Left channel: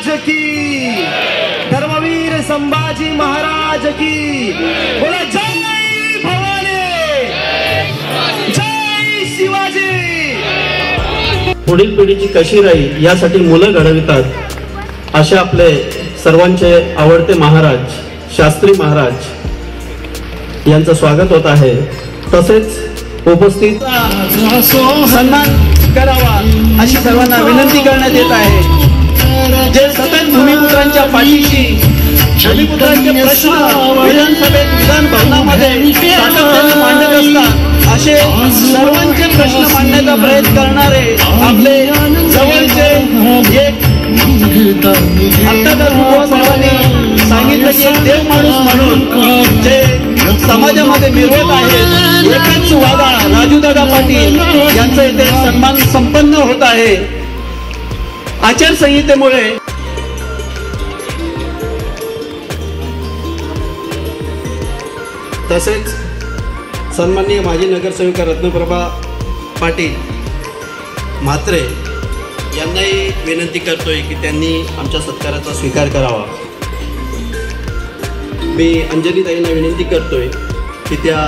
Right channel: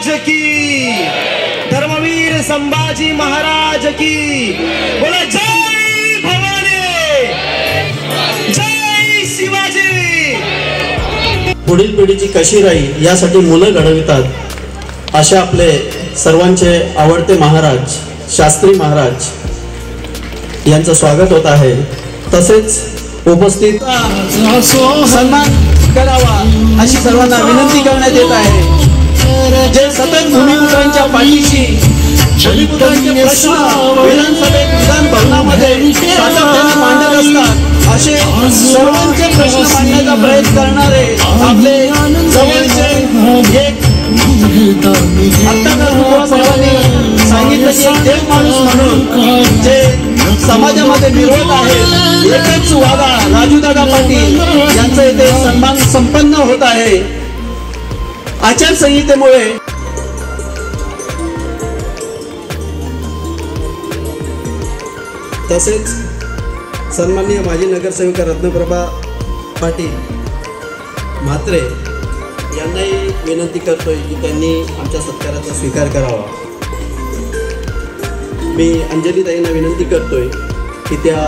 महाराज की, धर्मवीर संभाजी महाराज की, बोला जय भवानी, जय शिवाजी। पुढील पिढीची कशी राहील यासाठी मुलं घडवितात असे आपले सर्वांचे आवडते महाराज शास्त्री महाराज यांचं स्वागत होत आहे। तसेच उपस्थित सन्मान करावा अशी सर्वांना विनंती करण्यात येत आहे। जे सतत भूमिपुत्रांच्या पाठीशी भूमिपुत्रांचे प्रश्न विधानसभेत विधान भवनामध्ये सातत्याने मांडत असतात असे सर्वांचे प्रश्न मांडण्याचा प्रयत्न करणारे आपले जवळचे एक साहेबांनी सांगितलं की एक देव माणूस म्हणून जे समाजामध्ये मिरवत आहेत एकच वादा राजूदादा पाटील यांचा इथे सन्मान संपन्न होत आहे। आचारसंहितेमुळे तसेच सन्माननीय माजी नगरसेविका रत्नप्रभा पाटील म्हात्रे यांनाही विनंती करतोय की त्यांनी आमच्या सत्काराचा स्वीकार करावा। मी अंजलीताईंना विनंती करतोय की त्या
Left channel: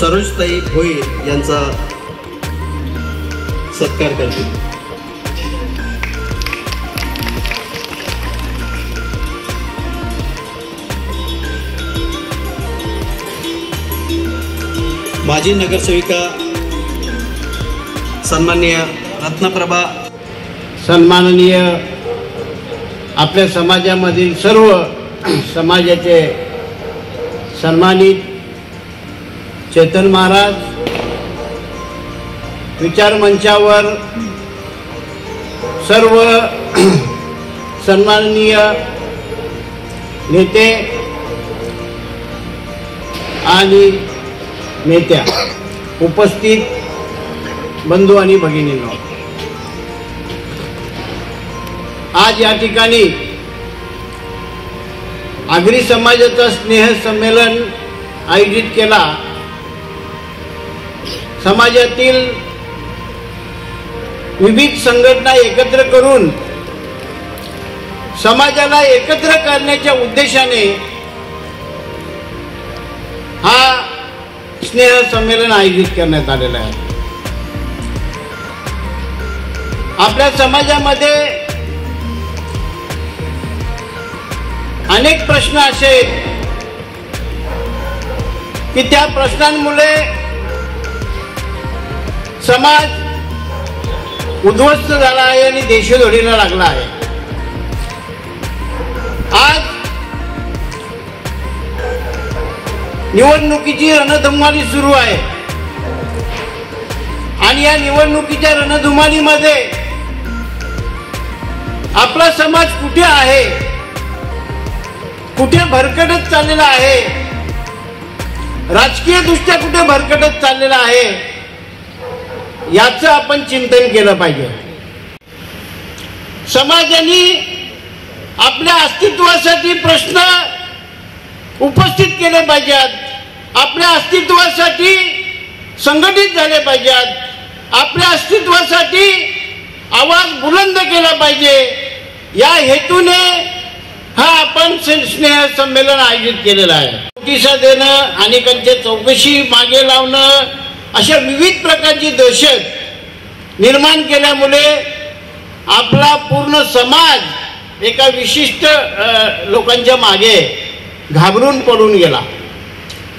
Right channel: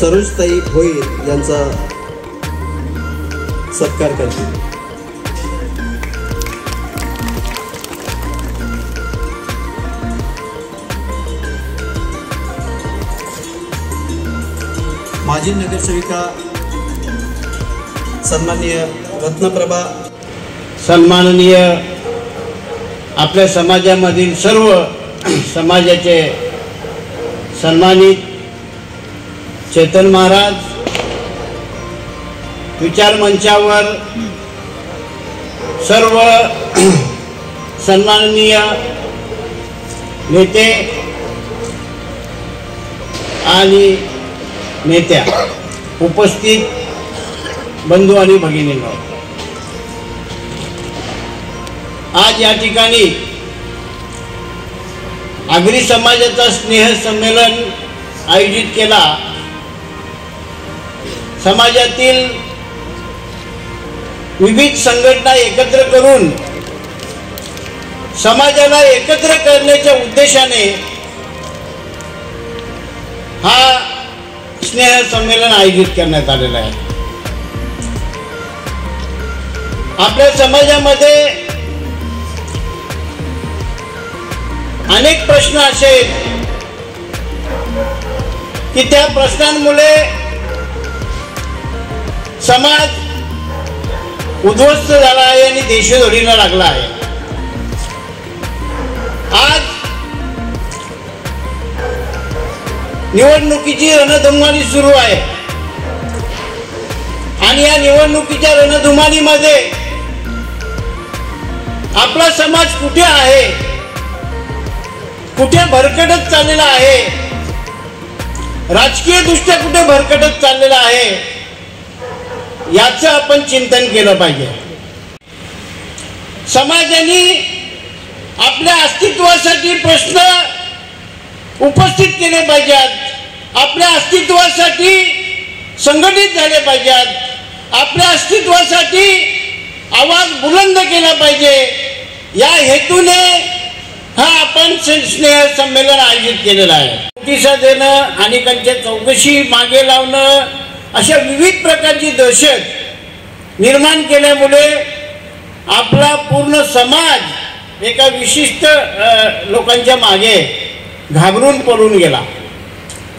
सरोजताई भोईर यांचा सत्कार करतील। माजी नगरसेविका सन्माननीय रत्नप्रभा, सन्माननीय आपल्या समाजामधील सर्व समाजाचे सन्मानित चेतन महाराज, विचार मंचावर सर्व सन्माननीय नेते आणि नेत्या, उपस्थित बंधू आणि भगिनींनो, आज या ठिकाणी आगरी समाजाचा स्नेह संमेलन आयोजित केला। समाजातील विविध संघटना एकत्र करून समाजाला एकत्र करण्याच्या उद्देशाने हा स्नेह संमेलन आयोजित करण्यात आलेलं आहे। आपल्या समाजामध्ये अनेक प्रश्न असे आहेत की त्या प्रश्नांमुळे समाज उद्ध्वस्त झाला आहे आणि देशोधडीला लागला आहे। आज निवडणुकीची रणधुमाळी सुरू आहे आणि या निवडणुकीच्या रणधुमाळीमध्ये आपला समाज कुठे आहे, कुठे भरकटत चाललेला आहे, राजकीय दृष्ट्या कुठे भरकटत चाललेला आहे, याचं आपण चिंतन केलं पाहिजे। समाजाने आपल्या अस्तित्वासाठी प्रश्न उपस्थित केले पाहिजेत, आपल्या अस्तित्वासाठी संघटित झाले पाहिजेत, आपल्या अस्तित्वासाठी आवाज बुलंद केला पाहिजे। या हेतूने हा आपण स्नेह संमेलन आयोजित केलेला आहे। नोटिसा देणं, अनेकांच्या चौकशी मागे लावणं, अशा विविध प्रकारची दहशत निर्माण केल्यामुळे आपला पूर्ण समाज एका विशिष्ट लोकांच्या मागे घाबरून पडून गेला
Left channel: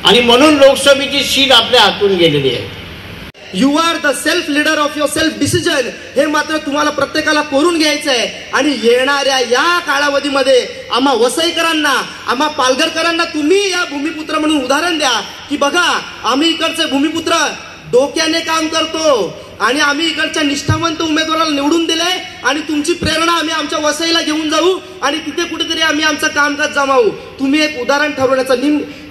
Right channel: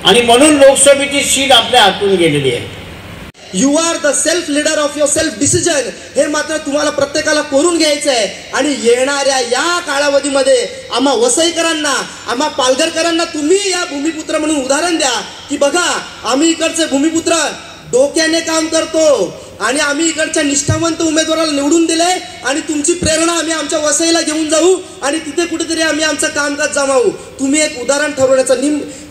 आणि म्हणून लोकसभेची सीट आपल्या हातून गेलेली आहे। You are the self leader of your self decision हे मात्र तुम्हाला प्रत्येकाला करून घ्यायचं आहे। आणि येणाऱ्या या कालावधीमध्ये आम्हा वसईकरांना, आम्हा पालघरकरांना तुम्ही या भूमिपुत्र म्हणून उदाहरण द्या की बघा आम्ही इकडचे भूमिपुत्र डोक्याने काम करतो आणि आम्ही इकडच्या निष्ठावंत उमेदवाराला निवडून दिले आणि तुमची प्रेरणा आम्ही आमच्या वसईला घेऊन जाऊ आणि तिथे कुठेतरी आम्ही आमचं कामकाज जमावू। तुम्ही एक उदाहरण ठरवण्याचा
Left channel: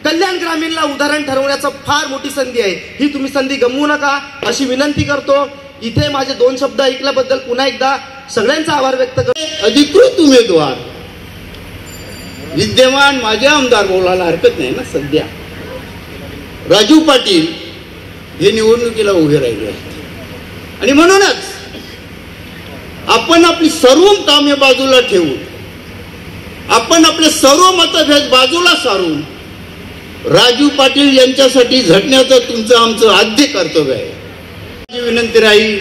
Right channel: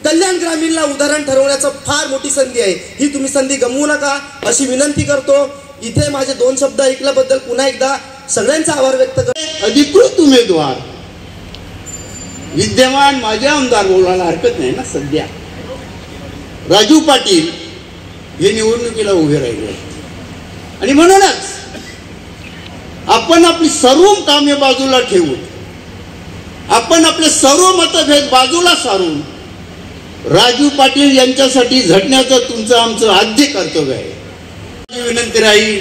कल्याण ग्रामीणला उदाहरण ठरवण्याचा फार मोठी संधी आहे, ही तुम्ही संधी गमवू नका अशी विनंती करतो। इथे माझे 2 शब्द ऐकल्याबद्दल पुन्हा एकदा सगळ्यांचा आभार व्यक्त करतो। अधिकृत उमेदवार विद्यमान माझे आमदार बोलायला हरकत नाही ना, सध्या राजू पाटील हे निवडणुकीला उभे राहिले आणि म्हणूनच आपण आपली सर्व कामे बाजूला ठेवून, आपण आपले सर्व मतभेद बाजूला सारून राजू पाटील यांच्यासाठी झटण्याचं तुमचं आमचं आद्य कर्तव्य आहे. माझी विनंती राहील,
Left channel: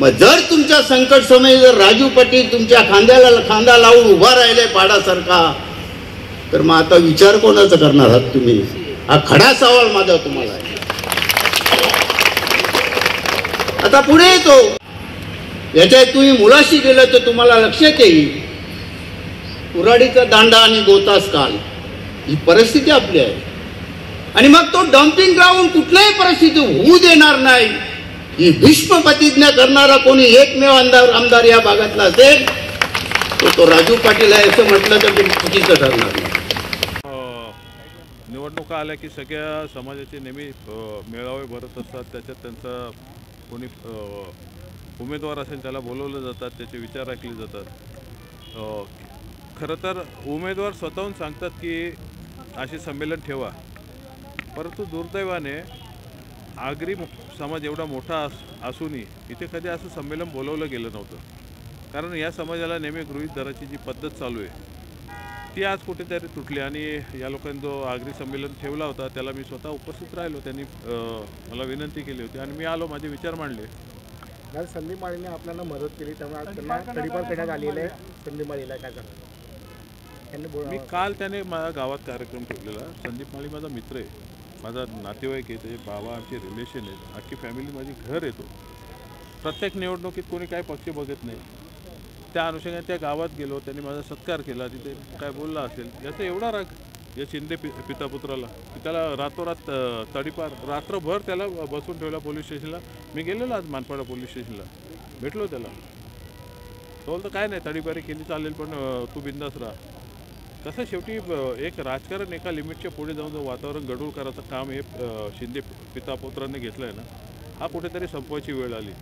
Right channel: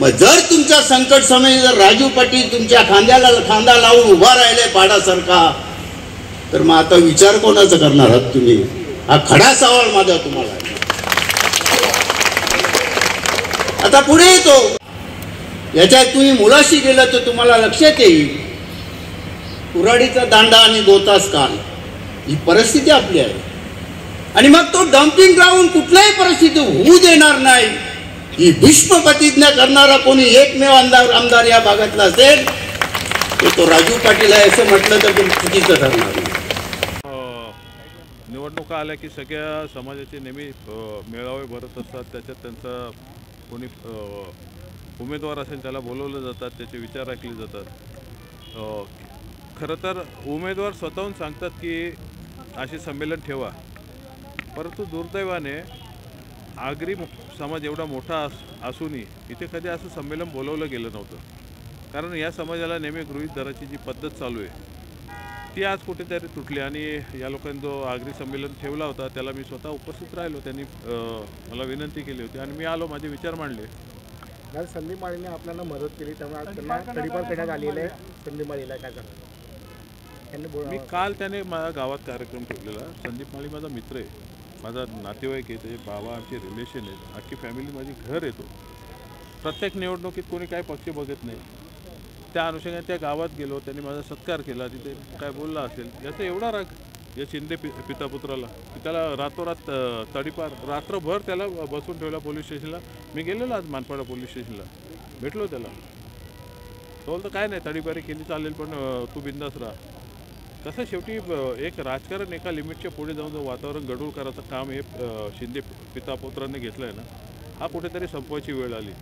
मग जर तुमच्या संकट समयी जर राजू पाटील तुमच्या खांद्याला खांदा लावून उभा राहिले पाडासारखा, तर मग आता विचार कोणाचा करणार आहात तुम्ही? हा खडा सवाल माझा तुम्हाला आहे. आता पुढे येतो, याच्यात तुम्ही मुलाशी गेला तर तुम्हाला लक्षात येईल, कुऱ्हाडीचा दांडा आणि 2 तास काल, ही परिस्थिती आपली आहे. आणि मग तो डम्पिंग ग्राउंड कुठल्याही परिस्थिती होऊ देणार नाही, ही भीष्म प्रतिज्ञा करणारा कोणी एकमेव आमदार या भागातला असेल तो राजू पाटील आहे. असं म्हटलं तर चुकीचं ठरणार नाही. निवडणुका आल्या की सगळ्या समाजाचे नेहमी मेळावे भरत असतात. त्याच्यात त्यांचा कोणी उमेदवार असेल त्याला बोलवलं जातात, त्याचे विचार ऐकले जातात. खरं तर उमेदवार स्वतःहून सांगतात की असे संमेलन ठेवा, परंतु दुर्दैवाने आगरी समाज एवढा मोठा असूनही इथे कधी असं संमेलन बोलवलं गेलं नव्हतं. कारण या समाजाला नेहमी गृहीत धरायची जी पद्धत चालू आहे ती आज कुठेतरी तुटली. आणि या लोकांनी जो आगरी संमेलन ठेवला होता त्याला मी स्वतः उपस्थित राहिलो. त्यांनी मला विनंती केली होती आणि मी आलो, माझे विचार मांडले. आज संदीप माळीने आपल्याला मदत केली, त्यामुळे आज त्यांना तडीपार करण्यात आलेलं आहे. संदीप माळीला काय करणार मी काल त्याने माझ्या गावात कार्यक्रम ठेवलेला. संदीप माळी माझा मित्र आहे, माझा नातेवाईक आहे, त्याचे बाबा आमचे रिलेशन आहेत, अख्खी फॅमिली माझी घर येतो. प्रत्येक निवडणुकीत कोणी काय पक्ष बघत नाही. त्या अनुषंगाने त्या गावात गेलो, त्यांनी माझा सत्कार केला, तिथे काय बोलला असेल याचा एवढा राग या शिंदे पितापुत्राला की त्याला रातोरात तडीपार, रात्रभर त्याला बसून ठेवला पोलीस स्टेशनला. मी गेलेलो आज मानपाडा पोलीस स्टेशनला, भेटलो त्याला. तो बोलतो काय नाही, तडीपारी केली चालेल पण तू बिंदास राहा. तसं शेवटी एक राजकारण एका लिमिटच्या पुढे जाऊन जो वातावरण गढूळ करायचं काम हे शिंदे पितापुत्रांनी घेतलं आहे ना, हा कुठेतरी संपवायची वेळ आली.